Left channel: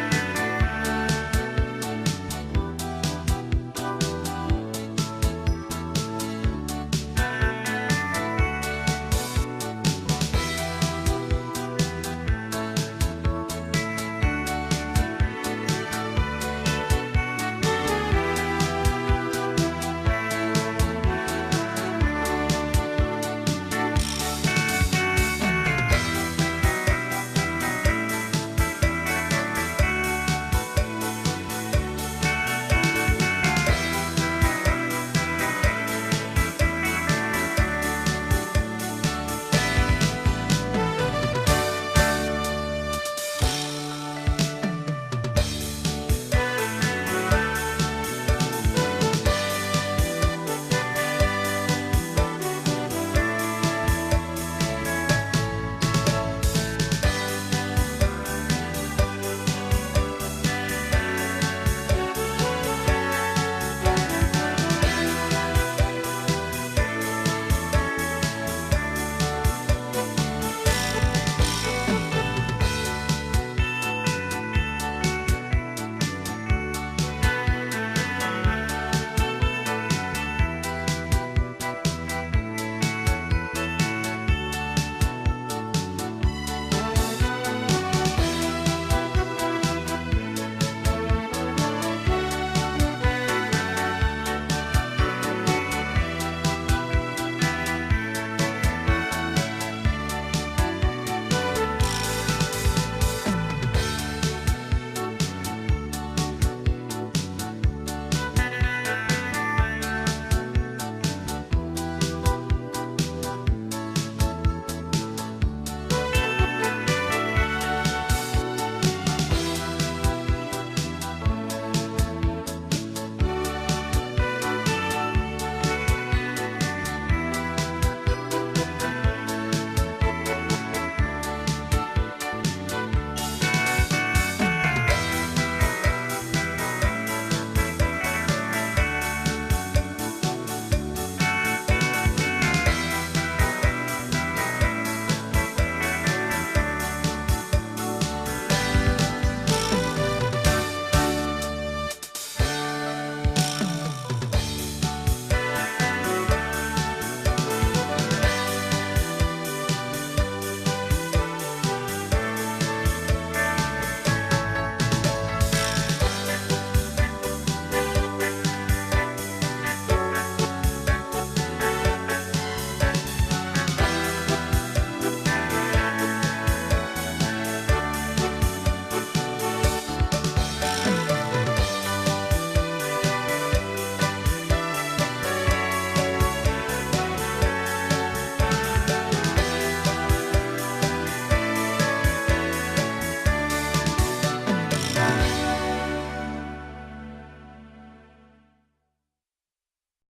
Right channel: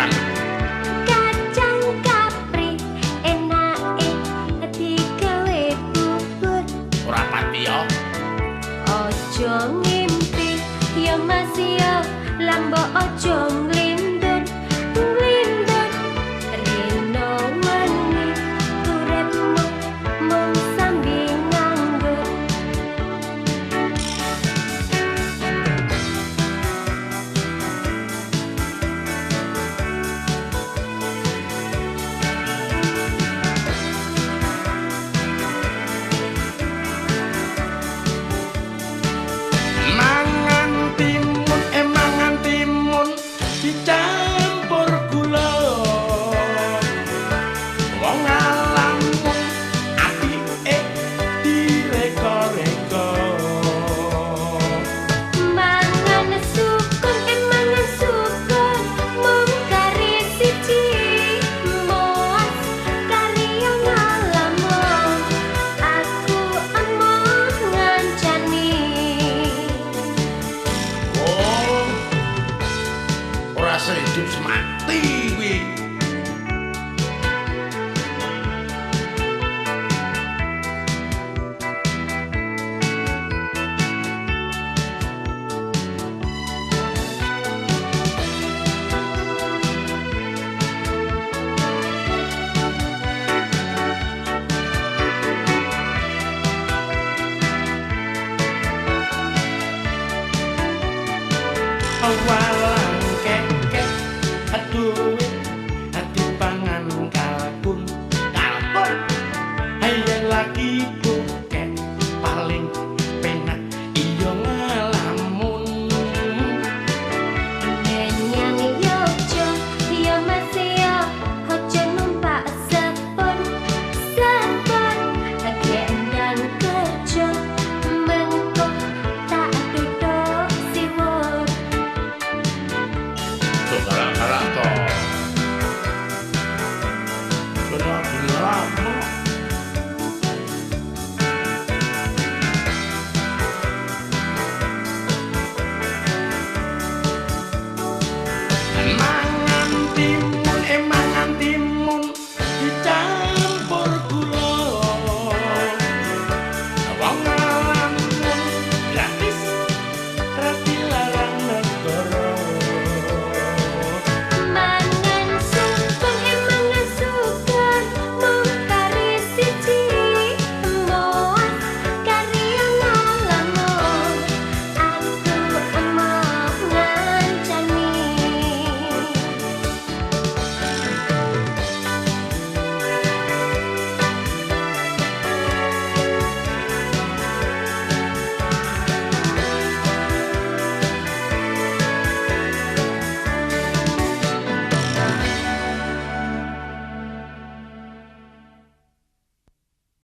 banget. Kacang kapri enake digawe bubur. Ora pati yo. Ojo ngimpi ya Mas ya, lambo ojo nglindur. Nglindur rino meni uripmu mung sambil nganggur. Mangan timun, mangan timun dicampur gula. Wong ngalamun atike direka-reka. Mangan sukun mangan sukun mung kari siji moas kaliyan ngalamun aku emoh ngancani. Oh, ora sehidup semati kuwi. Walang kekek aduh